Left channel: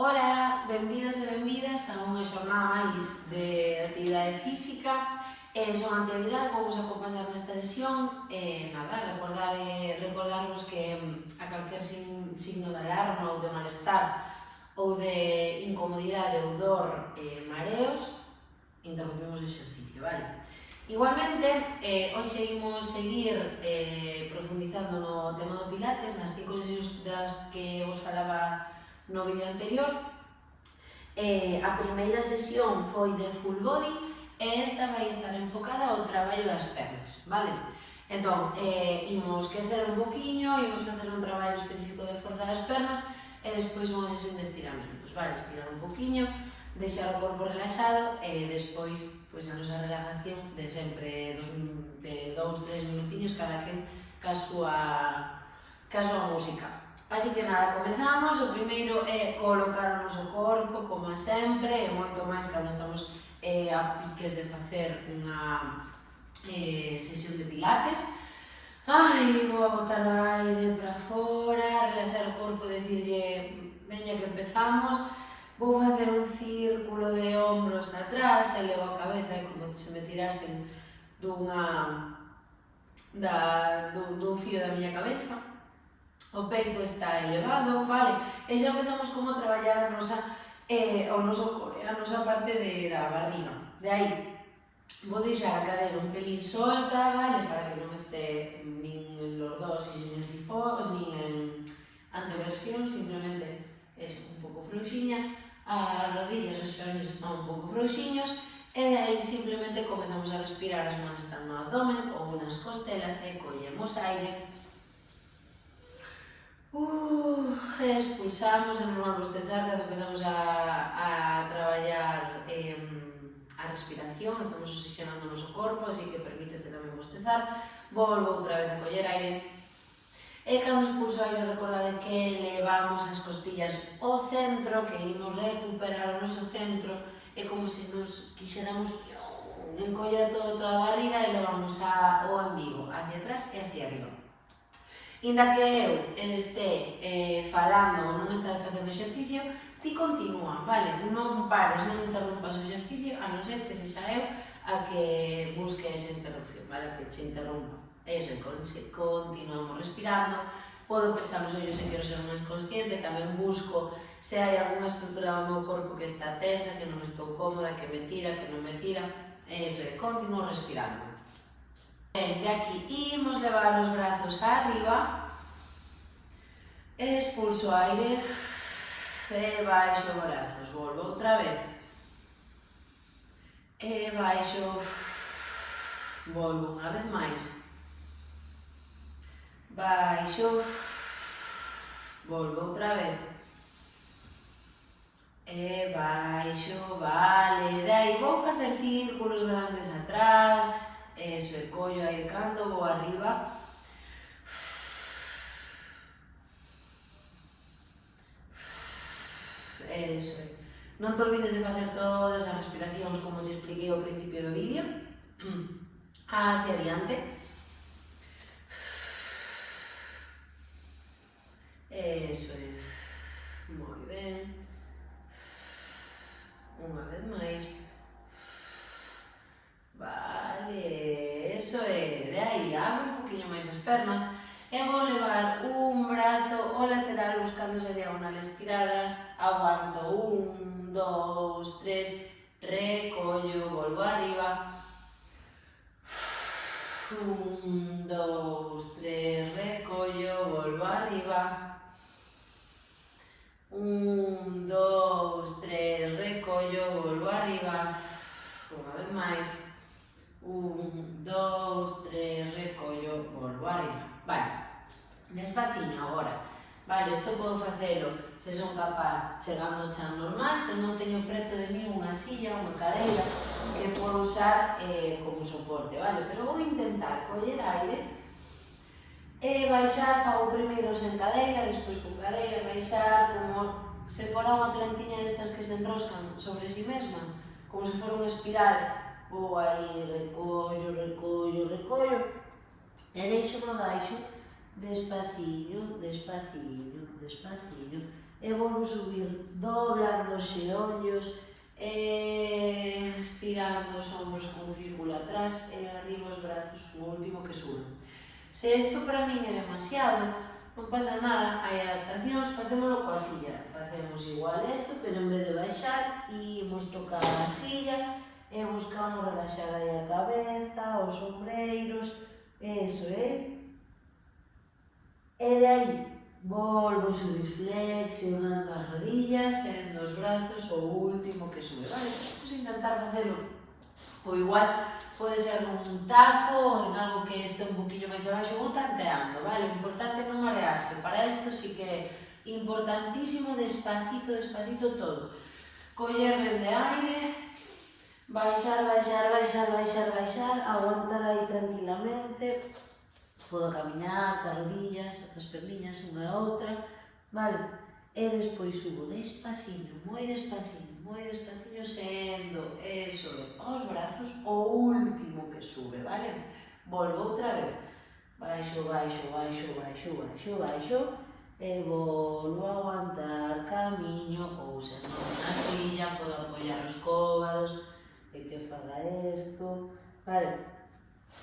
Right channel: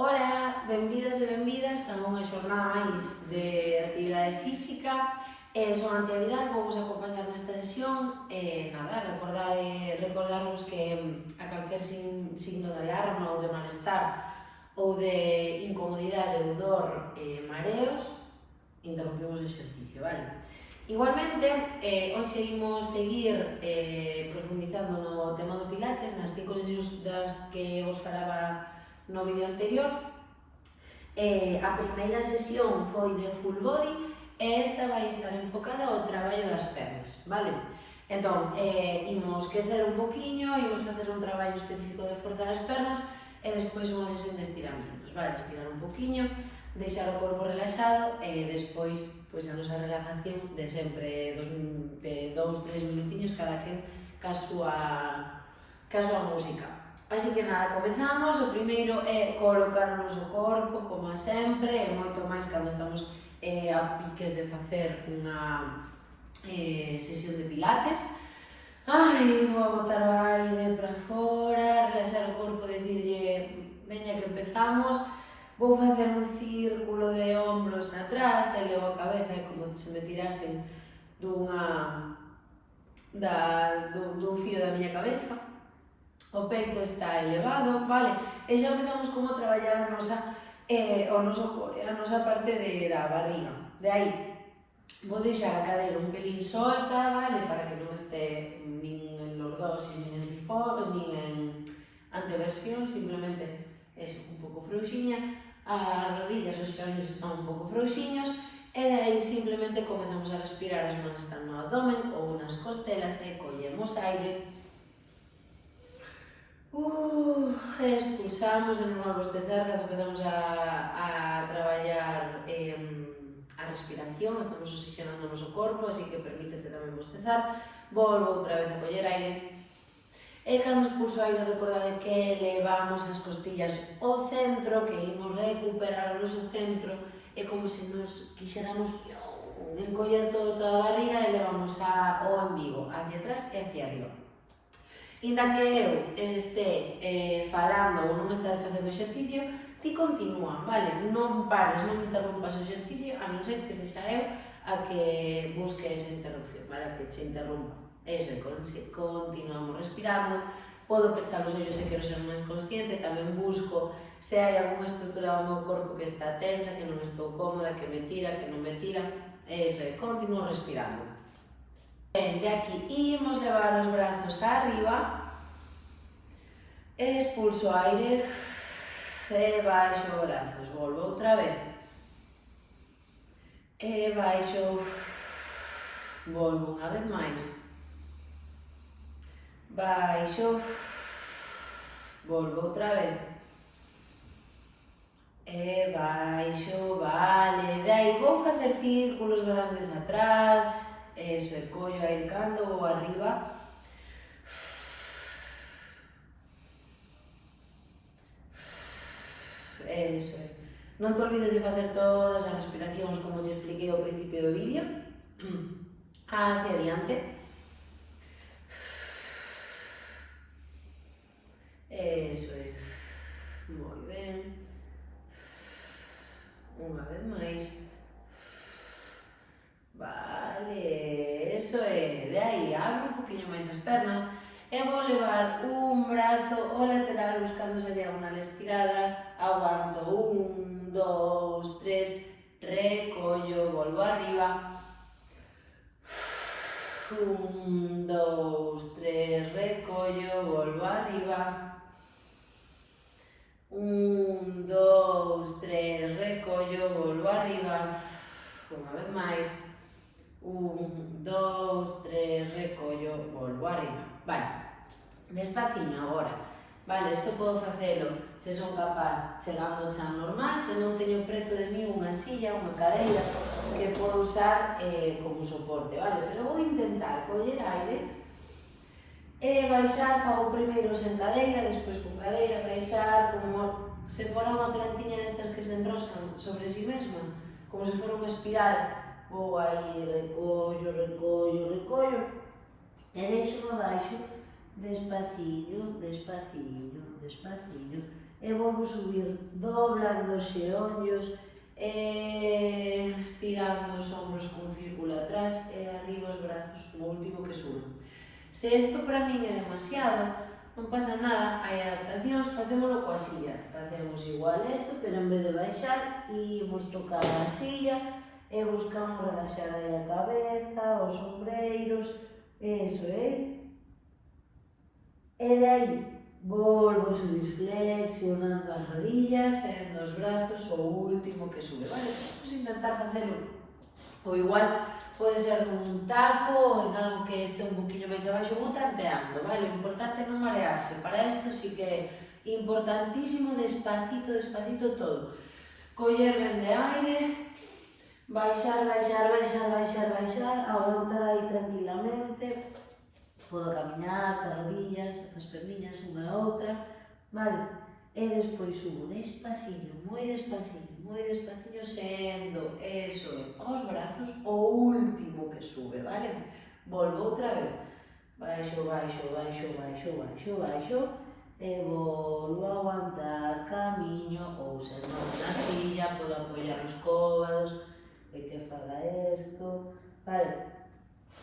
Ola, benvidas e benvidas a unha xornada máis de actividade física. Son Antía Vidal, vou vos acompañar nesta sesión. Recordarvos que a calquer signo de alarma ou de malestar ou de incomodidade ou dor, mareos, interrompemos o exercicio, vale? Igualmente, hoxe imos seguir profundizando no tema do Pilates, nas 5 sesións das que vos falaba no vídeo anterior. A primeira sesión foi de full body e esta vai estar enfocada ao traballo das pernas, vale? Entón, imos quecer un poquinho, imos facer un traballo específico de forza das pernas e despois unha sesión de estiramientos, vale? Estirar un poquinho, deixar o corpo relaxado e despois pois a nosa relajación de sempre de 2-3 minutiños cada quen ca súa música. Así que nada, comezamos. O primeiro é colocar o noso corpo, como sempre, e moito máis cando estamos a piques de facer unha sesión de pilates. Vou a botar o aire para fora, relaxar o corpo, dicirlle, veña que empezamos. Vou facer un círculo de ombros atrás, e levo a cabeza, é como se me tirasen dun fío da miña cabeza. O peito está elevado, vale? E xa empezamos como a traballar o noso core, a nosa parte da barriga. De aí, vou deixar a cadeira un pelín solta, vale? Para que non este nin en lordosis, nin en cifós, nin en anteversión, simplemente eso, un pouco frouxiña. As rodillas, os xeones están un pouco frouxiños, e de aí simplemente comezamos a respirar, as mans están no abdomen ou nas costelas e collemos aire. Expulsamos, é normal bostezar cando empezamos a traballar a respiración, estamos oxigenando o noso corpo, así que permítete tamén bostezar. Volvo outra vez a coller aire. E cando expulso aire, recordade que levamos as costillas ao centro, que imos recuperar o noso centro, é como se nos quixéramos encoller toda a barriga e levamos o embigo hacia atrás e hacia arriba. Inda que eu este falando ou non este facendo exercicio, ti continúa, vale? Non pares, non interrumpas o exercicio, a non ser que sexa eu a que busque esa interrupción, vale? A que che interrumpa. Eso, continuamos respirando, podo pechar os ollos se quero ser máis consciente, tamén busco se hai algunha estrutura do meu corpo que está tensa, que non estou cómoda, que me tira, que non me tira. Eso, continuo respirando. De aquí imos levar os brazos arriba, expulso aire e baixo brazos, volvo outra vez, e baixo, volvo unha vez máis, baixo, volvo outra vez, e baixo, vale, de aí vou facer círculos grandes atrás. Eso, e collo aire cando vou arriba. Eso, non te olvides de facer todas as respiracións como te expliquei ao principio do vídeo. Hacia adiante. Eso é. Moi ben. Unha vez máis. Vale, eso é, de aí, abre un poquinho máis as pernas e vou levar un brazo ao lateral buscando esa diagonal estirada, aguanto, 1, 2, 3, recollo, volvo arriba, 1, 2, 3, recollo, volvo arriba, 1, 2, 3, recollo, volvo arriba, unha vez máis, 1, 2, 3, recollo, volvo arriba. Vale, despaciño agora. Vale, isto podo facelo se son capaz chegando ao chan normal, se non teño preto de mí unha silla, unha cadeira que podo usar como soporte, vale? Pero vou intentar coller aire e baixar, fago primeiro sen cadeira, despois con cadeira, baixar como se fora unha plantiña destas que se enroscan sobre si mesma, como se fora unha espiral. Vou aí, recollo, recollo, recollo, e deixo abaixo, despaciño, despaciño, despaciño, e volvo subir, doblando os xeonllos, estirando os ombros con círculo atrás e arriba os brazos, o último que sube. Se isto para min é demasiado, non pasa nada, hai adaptacións, facémolo coa silla. Facemos igual isto, pero en vez de baixar, imos tocar a silla e buscamos relaxar aí a cabeza, os ombreiros, eso, E de aí, volvo a subir flexionando as rodillas, sendo os brazos o último que sube, vale? Vamos intentar facelo ou igual pode ser nun taco ou en algo que este un poquinho máis abaixo, vou tanteando, vale? O importante é non marearse, para isto sí que é importantísimo despacito, despacito todo. Coller ben de aire, baixar, baixar, baixar, baixar, baixar, aguantar aí tranquilamente, podo camiñar cas rodillas, as perniñas unha a outra, vale? E despois subo despaciño, moi despaciño, sendo, eso, os brazos, o último que sube, vale? Volvo outra vez, baixo, baixo, baixo, baixo, baixo, baixo, e volvo a aguantar camiño, ou se non na silla, podo apoiar os cóbados, e que faga isto, vale?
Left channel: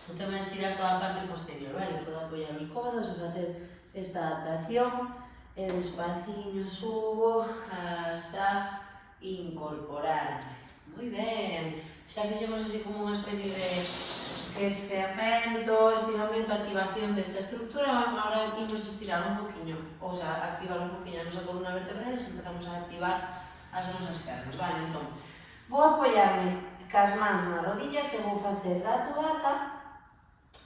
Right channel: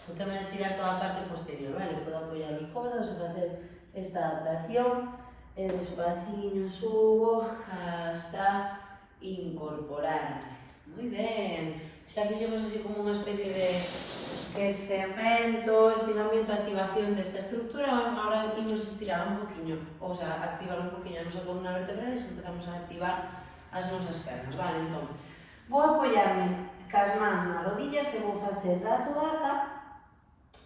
Vou tamén estirar toda a parte posterior, vale? Podo apoiar os cóbados e facer esta adaptación, e despaciño subo hasta incorporarme. Moi ben, xa fixemos así como unha especie de quecemento, estiramiento, activación desta estructura. Agora imos estirar un poquinho, ou sea, activar un poquinho a nosa columna vertebral e empezamos a activar as nosas pernas, vale? Entón, vou apoiarme cas mans nas rodillas e vou facer gato vaca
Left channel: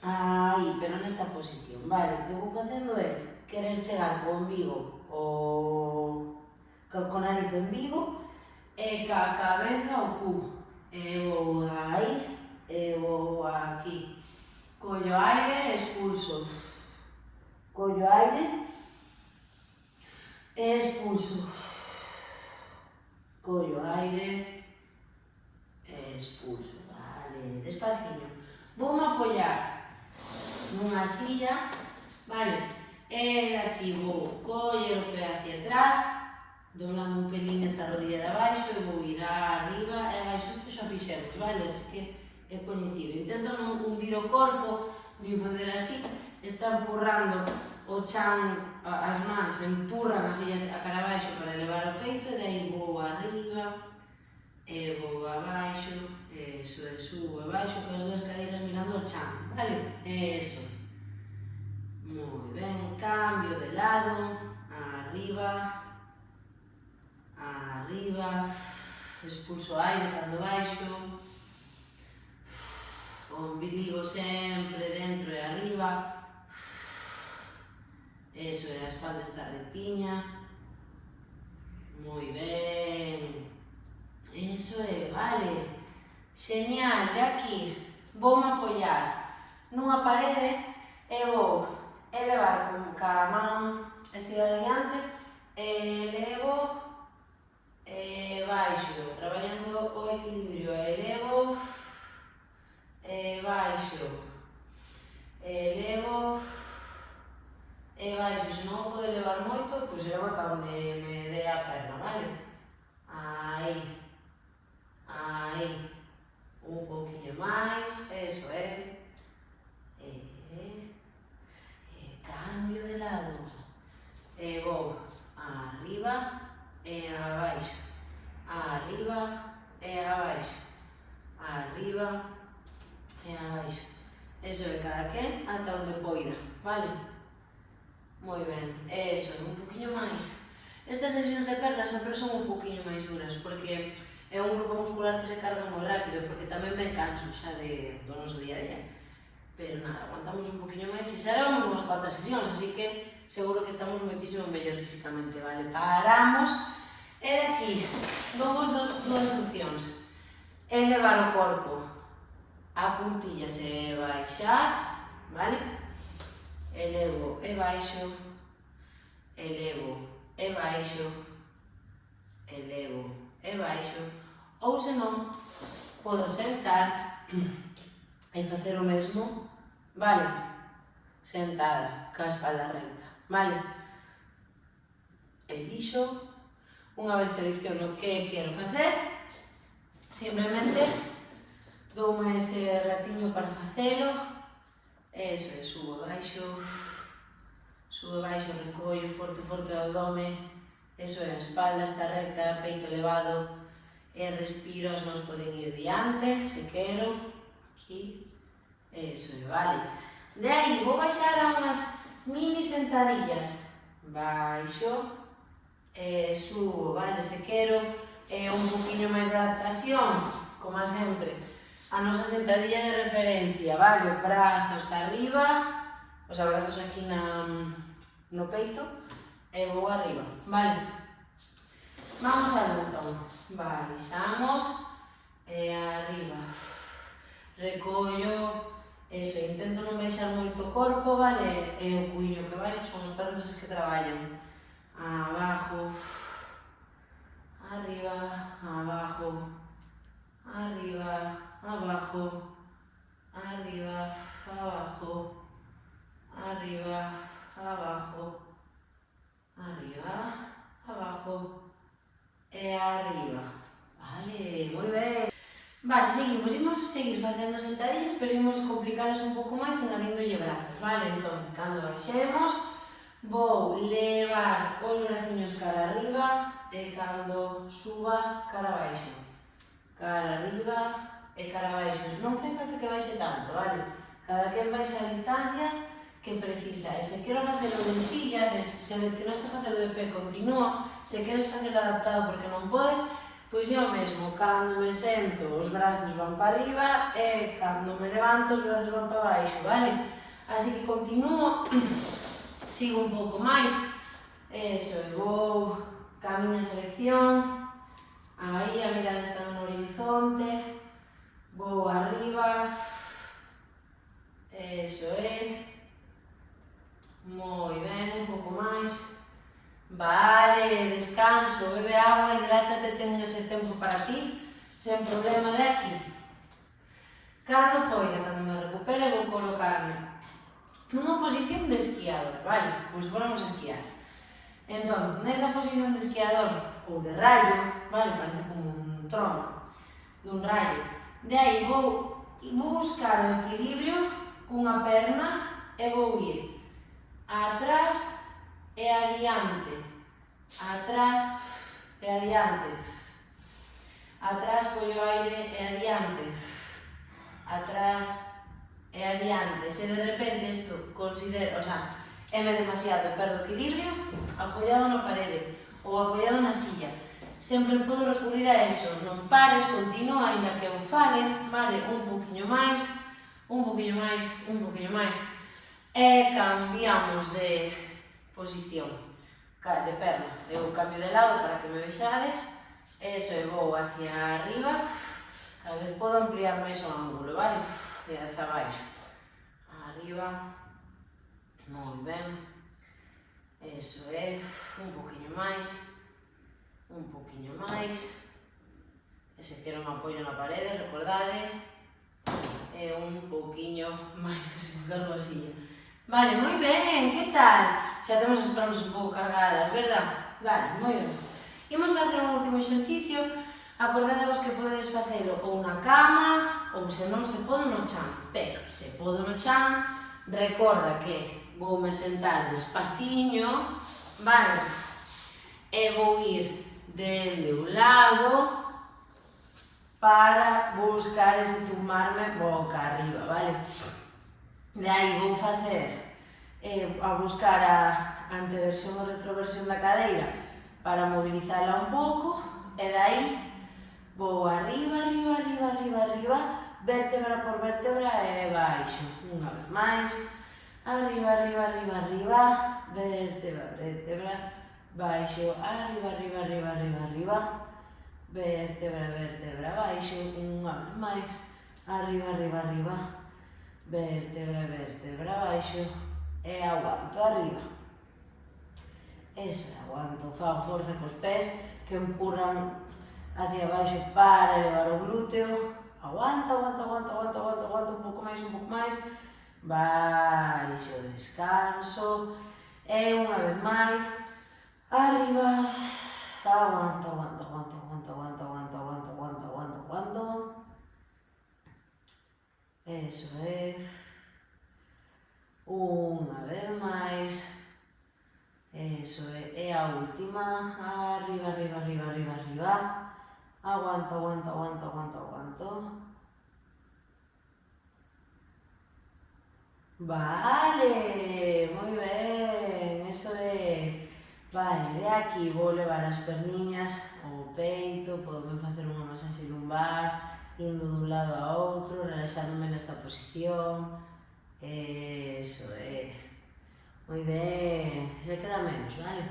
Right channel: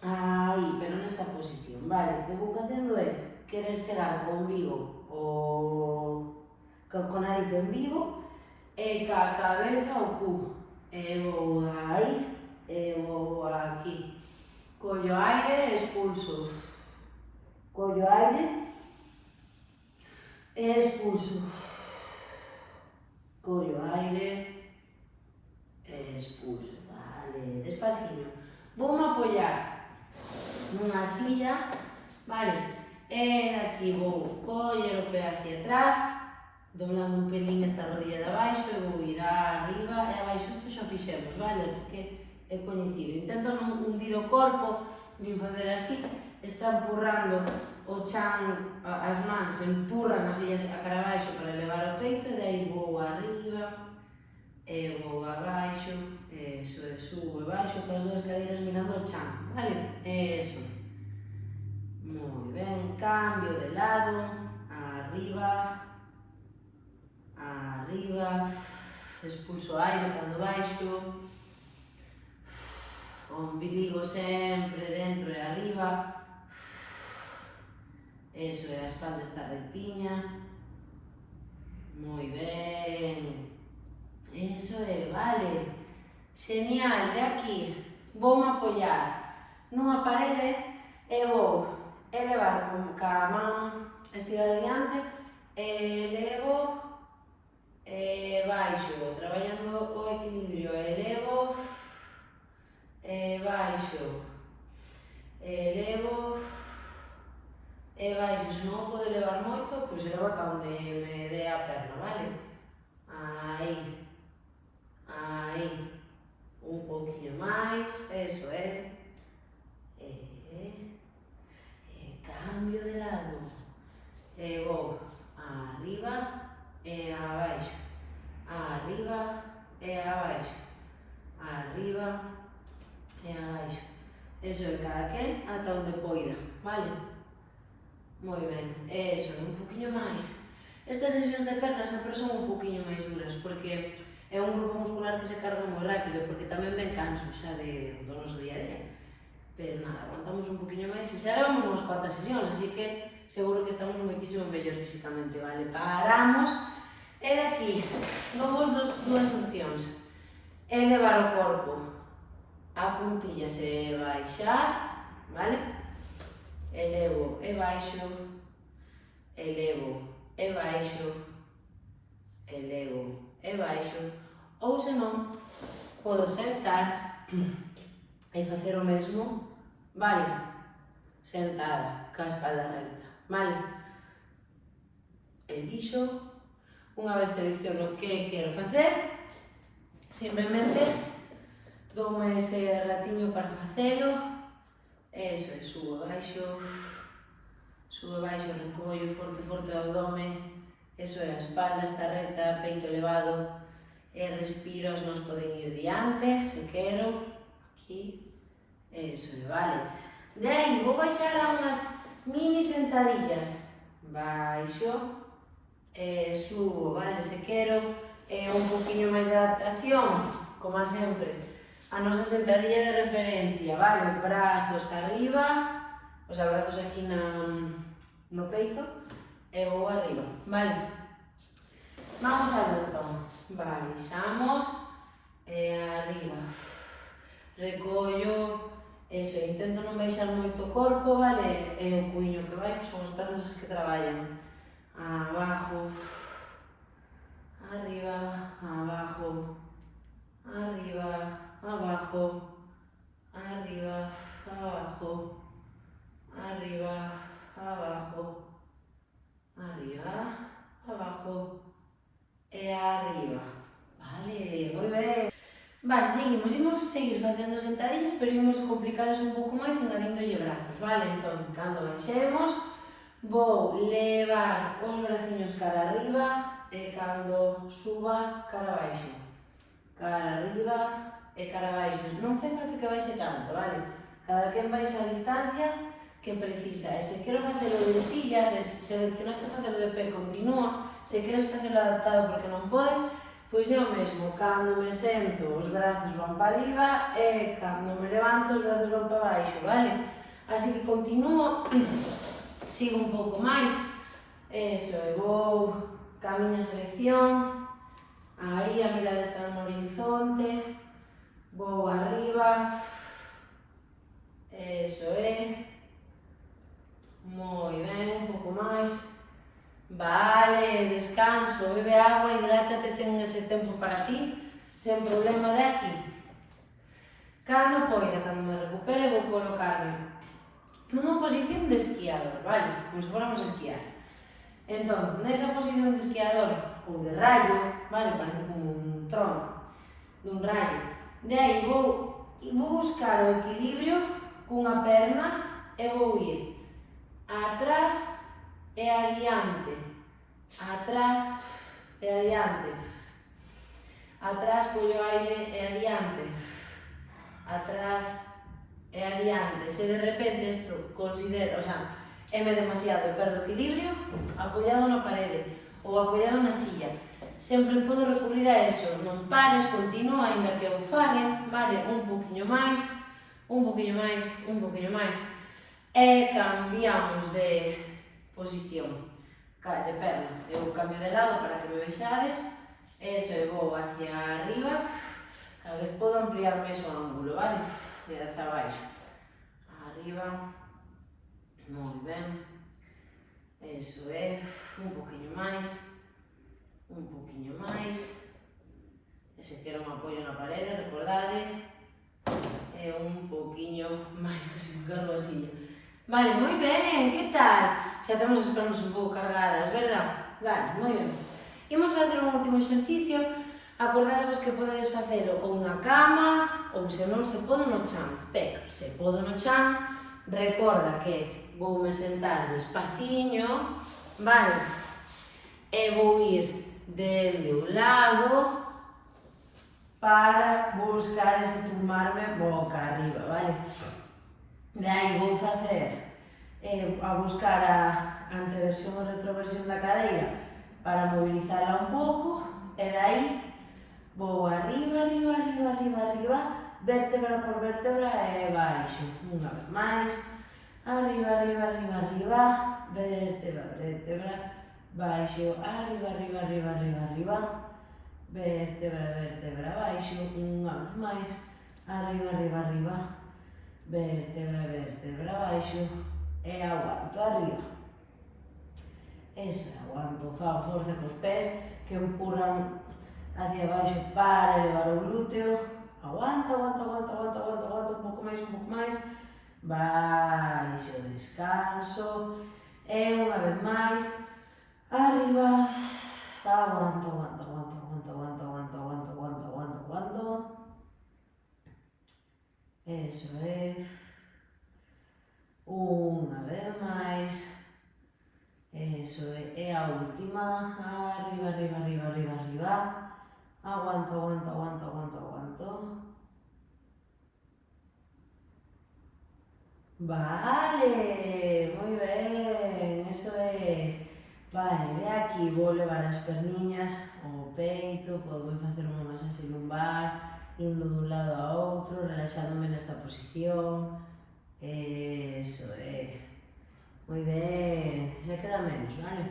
aí, pero nesta posición, vale? O que vou facendo é querer chegar con vigo con nariz en vigo e ca cabeza ao cubo. E vou aí, e vou aquí. Collo aire, expulso. Collo aire, e expulso. Collo aire, e expulso. Vale, despaciño. Voume apoiar nunha silla, vale? E aquí vou coller o pé hacia atrás, doblando un pelín esta rodilla de abaixo e vou ir arriba e abaixo. Isto xa fixemos, vale? Así que é coñecido. Intento non hundir o corpo, nin facer así, está empurrando o chan, as mans empurran a silla a cara abaixo para elevar o peito e de aí vou arriba e vou abaixo, eso, e subo e baixo con as dúas cadeiras mirando o chan, vale? Eso. Moi ben, cambio de lado, arriba, arriba, expulso aire cando baixo, o ombligo sempre dentro e arriba, eso, e a espalda está rectiña, moi ben, eso é, vale, genial, de aquí voume apoiar nunha parede e vou elevar con ca man estirada diante, elevo e baixo, traballando o equilibrio, elevo e baixo, elevo e baixo. Se non o podo elevar moito, pois elevo ata onde me dé a perna, vale? Aí, aí, un pouquinho máis, eso é, cambio de lado, e vou arriba e abaixo, arriba e abaixo, arriba e abaixo. Eso é cada quen ata onde poida, vale? Moi ben, eso, un poquinho máis. Estas sesións de pernas sempre son un poquinho máis duras, porque é un grupo muscular que se carga moi rápido, porque tamén me canso xa do noso día a día. Pero nada, aguantamos un poquinho máis e xa levamos unhas cuantas sesións, así que seguro que estamos moitísimo mellor físicamente, vale? Paramos e de aquí damos dúas opcións. Elevar o corpo a puntillas e baixar, vale? Elevo e baixo, elevo e baixo, elevo e baixo, ou senón, podo sentar e facer o mesmo, vale? Sentada, ca espalda recta, vale? elixo, unha vez selecciono que quero facer, simplemente doume ese ratiño para facelo, eso, subo e baixo, recollo forte o abdome, eso é, a espalda está recta, peito elevado, e respiro, as mãos poden ir diante, se quero, aquí, eso é, vale. De aí, vou baixar a unhas mini sentadillas, baixo, subo, vale, se quero un poquinho máis de adaptación, como sempre, a nosa sentadilla de referencia, vale, brazos arriba, os brazos aquí no peito, e vou arriba, vale. Vamos algo entón, baixamos, e arriba, recollo, eso, intento non baixar moito o corpo, vale, e o cuiño que baixa son as pernas as que traballan, abajo, arriba, abajo, arriba, abajo, arriba, abajo, arriba, abajo, arriba, abajo e arriba. Vale, moi ben. Vale, seguimos, imos seguir facendo sentadillas, pero imos complicaros un pouco máis engadíndolle brazos, vale? Entón, cando baixemos, vou levar os braciños cara arriba e cando suba, cara abaixo. Cara arriba e cara abaixo. Non fai falta que baixe tanto, vale? Cada quen baixa a distancia que precisa. E se quero facelo de silla, se seleccionaste facelo de pé, continúa. Se queres facelo adaptado porque non podes, pois é o mesmo. Cando me sento, os brazos van para arriba e cando me levanto, os brazos van para baixo, vale? Así que continuo. Sigo un pouco máis, eso, e vou ca miña selección, aí a mirada está no horizonte, vou arriba, eso é, moi ben, un pouco máis, vale, descanso, bebe agua, hidrátate, ten ese tempo para ti, sen problema de aquí. Cando poida, cando me recupere, vou colocarme nunha posición de esquiador, vale? Como se fóramos a esquiar. Entón, nesa posición de esquiador ou de raio, vale? Parece como un trono dun rayo. De aí vou buscar o equilibrio cunha perna e vou ir atrás e adiante, atrás e adiante, atrás collo aire e adiante, atrás e adiante. Se de repente isto considero, o sea, éme demasiado, perdo equilibrio, apoiado na parede ou apoiado na silla. Sempre podo recurrir a eso, non pares, continúa, ainda que eu fale, vale, un poquinho máis, un poquinho máis, un poquinho máis, e cambiamos de posición, de perna. Eu cambio de lado para que me vexades, eso, e vou hacia arriba, cada vez podo ampliar máis o ángulo, vale? E hacia abaixo, arriba, moi ben, eso é, un poquinho máis, e se quero un apoio na parede, recordade, e un poquinho máis, que se me cargo a silla. Vale, moi ben, que tal? Xa temos as pernas un pouco cargadas, verdad? Vale, moi ben. Imos facer un último exercicio. Acordadevos que podedes facelo ou na cama ou se non se pode no chan, pero se podo no chan, recorda que voume sentar despaciño, vale? E vou ir dende un lado para buscar ese tumbarme boca arriba, vale? De aí vou facer a buscar a anteversión ou retroversión da cadeira para mobilizarla un pouco e de aí vou arriba, arriba, arriba, arriba, arriba, vértebra por vértebra e baixo. Unha vez máis, arriba, arriba, arriba, arriba, vértebra, vértebra, baixo, arriba, arriba, arriba, arriba, arriba, vértebra, vértebra, baixo, unha vez máis, arriba, arriba, arriba, vértebra, vértebra, baixo, e aguanto arriba. Eso, aguanto, fago forza cos pés que empurran hacia abaixo para elevar o glúteo, aguanta, aguanta, aguanta, aguanta, aguanta, aguanta, un pouco máis, baixo, descanso, e unha vez máis, arriba, aguanto, aguanto, aguanto, aguanto, aguanto, aguanto, aguanto, aguanto, aguanto, aguanto. Eso é. Unha vez máis. Eso é. E a última, arriba, arriba, arriba, arriba, arriba. Aguanto, aguanto, aguanto, aguanto, aguanto. Vale, moi ben, eso é. Vale, de aquí vou levar as perniñas ao peito, podemos facer unha masaxe lumbar, indo dun lado a outro, relaxándome nesta posición. Eso é. Moi ben, xa queda menos, vale?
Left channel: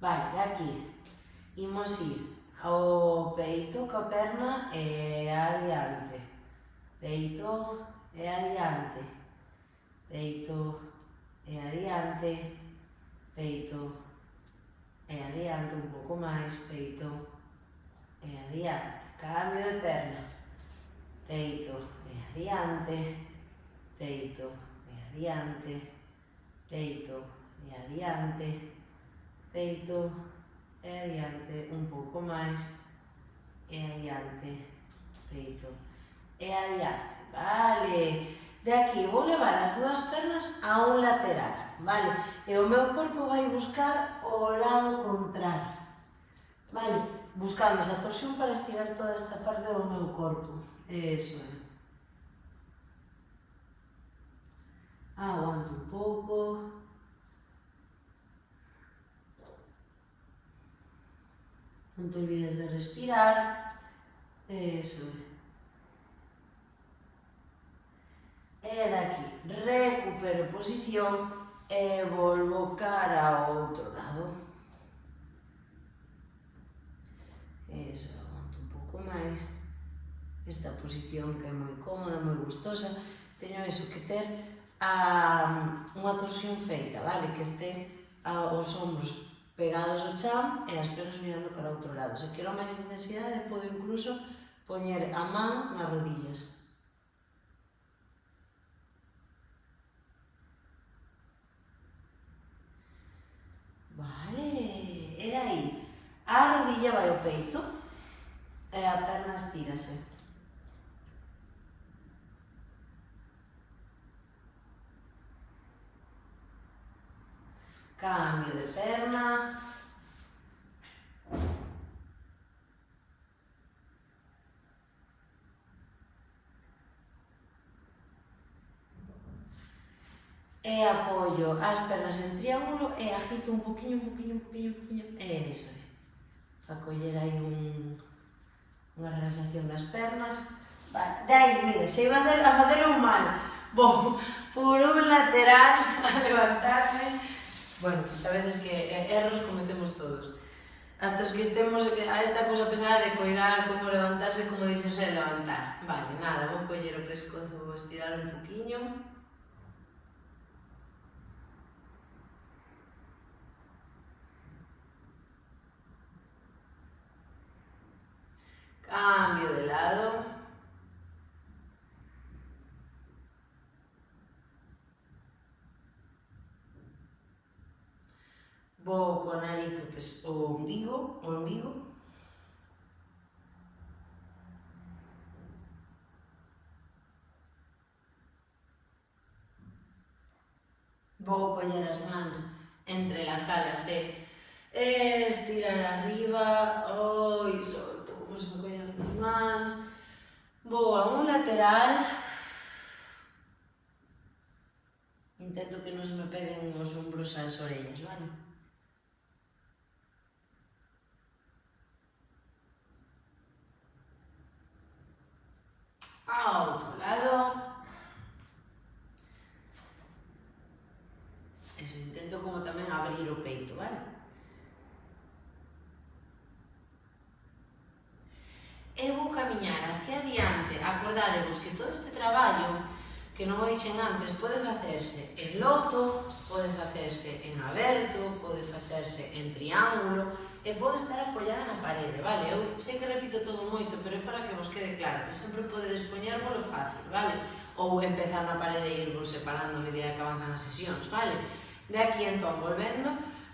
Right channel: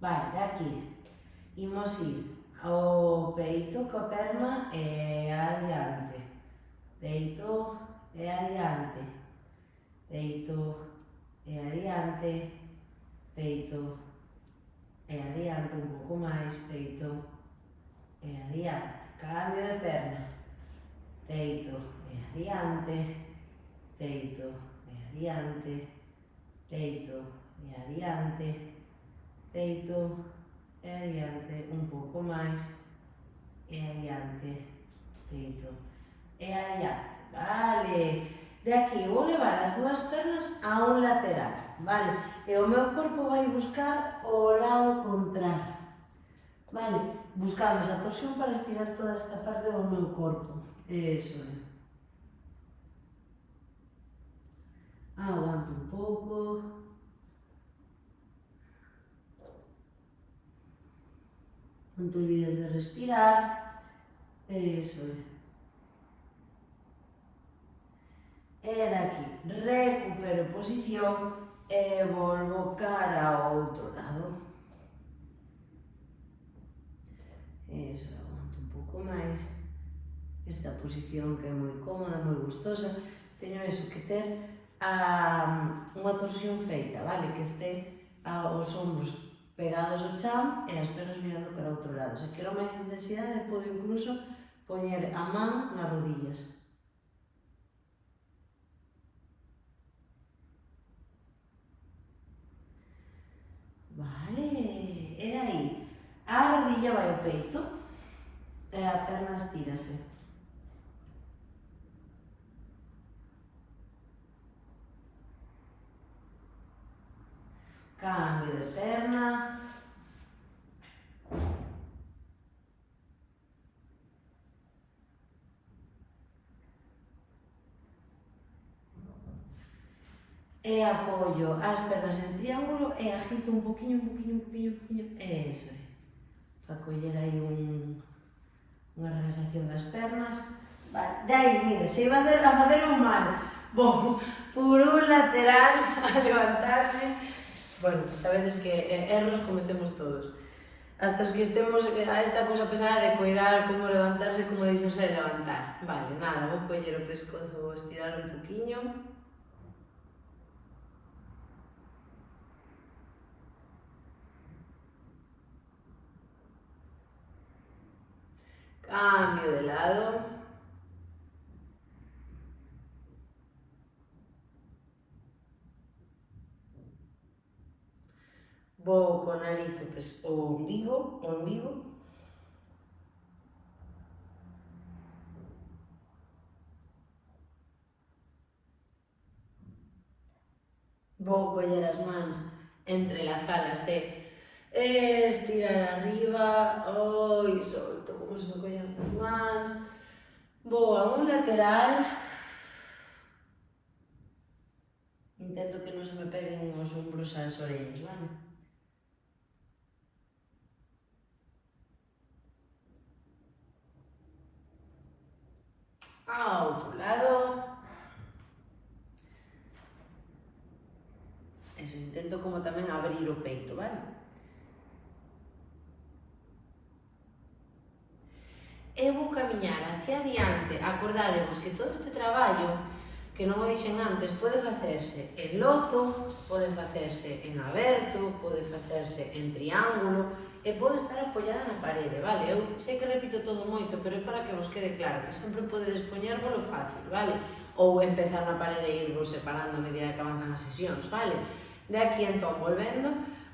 Vale, de aquí imos ir ao peito coa perna e adiante. Peito e adiante. Peito e adiante. Peito e adiante, un pouco máis. Peito e adiante. Cambio de perna. Peito e adiante. Peito e adiante. Peito e adiante. Peito e adiante, un pouco máis. E adiante. Peito e adiante. Vale, de aquí vou levar as dúas pernas a un lateral, vale? E o meu corpo vai buscar o lado contrario, vale? Buscando esa torsión para estirar toda esta parte do meu corpo. Eso é. Aguanto un pouco. Non te olvides de respirar. Eso é. E daqui recupero posición e volvo cara ao outro lado. Eso, aguanto un pouco máis. Esta posición que é moi cómoda, moi gustosa. Teño eso que ter unha torsión feita, vale? Que este os ombros pegados ao chan e as pernas mirando cara ao outro lado. Se quero máis intensidade, podo incluso poñer a man nas rodillas. Vale, e aí, a rodilla vai ao peito e a perna estírase. Cambio de perna. E apoio as pernas en triángulo e agito un poquinho, un poquinho, un poquinho, un poquinho. Eso é. Para coller aí unha relaxación das pernas. Vale, de aí, mira, se iba a facer un mal. Vou por un lateral a levantarme. Bueno, pues a veces que erros cometemos todos. Hasta os que temos a esta cousa pesada de coidar como levantarse, como dixense de levantar. Vale, nada, vou coller o pescozo, vou estirar un poquinho. Cambio de lado. Vou con nariz o ombligo. Vou coller as mans, entrelazalas e estirar arriba. Oi, solto como se me collen as mans. Vou a un lateral. Intento que non se me peguen os ombros ás orellas, vale? A outro lado. Eso, intento como tamén abrir o peito, vale? E vou camiñar hacia adiante. Acordadevos que todo este traballo, que non o dixen antes, pode facerse en loto, pode facerse en aberto, pode facerse en triángulo e pode estar apoiada na parede, vale? Eu sei que repito todo moito, pero é para que vos quede claro que sempre podedes poñérvolo fácil, vale? Ou empezar na parede e irvos separando a medida que avanzan as sesións, vale? De aquí entón, volvendo,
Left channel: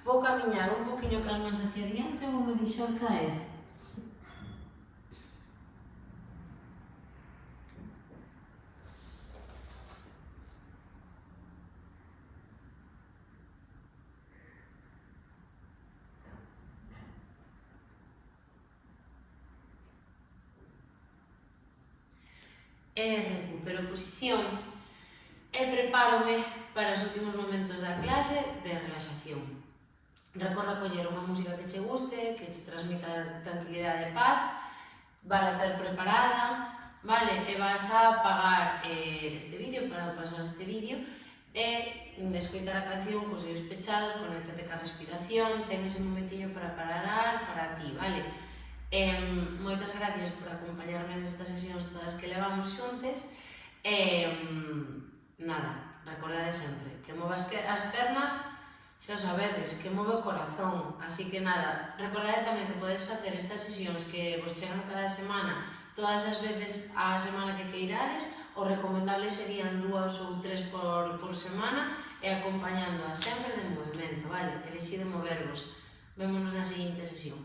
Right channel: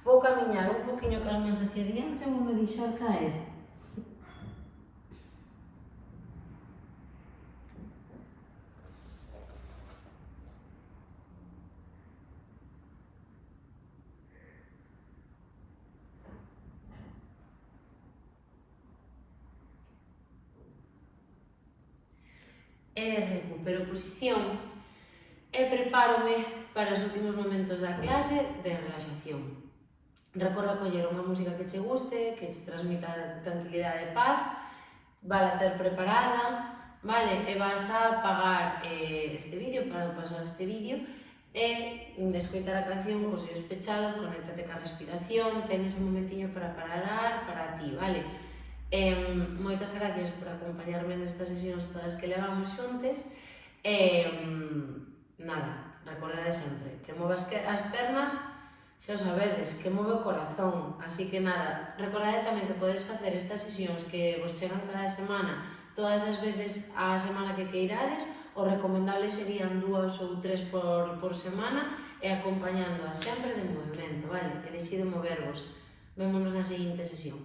Vou camiñar un poquinho cas mans hacia diante e vou me deixar caer. E recupero posición e prepárome para os últimos momentos da clase de relaxación. Recorda coller unha música que che guste, que che transmita tranquilidade e paz, vala ter preparada, vale? E vas a apagar este vídeo, para pasar este vídeo, e escoitar a canción cos ollos pechados, conéctate ca respiración, ten ese momentiño para parar para ti, vale? Moitas gracias por acompañarme nestas sesións todas que levamos xuntes e nada, recordade sempre que movas as pernas, xa o sabedes, que move o corazón, así que nada, recordade tamén que podes facer estas sesións que vos chegan cada semana todas as veces a semana que queirades. O recomendable serían 2 ou 3 por semana e acompañándoa sempre de movimento, vale? Elixido movervos. Vémonos na seguinte sesión.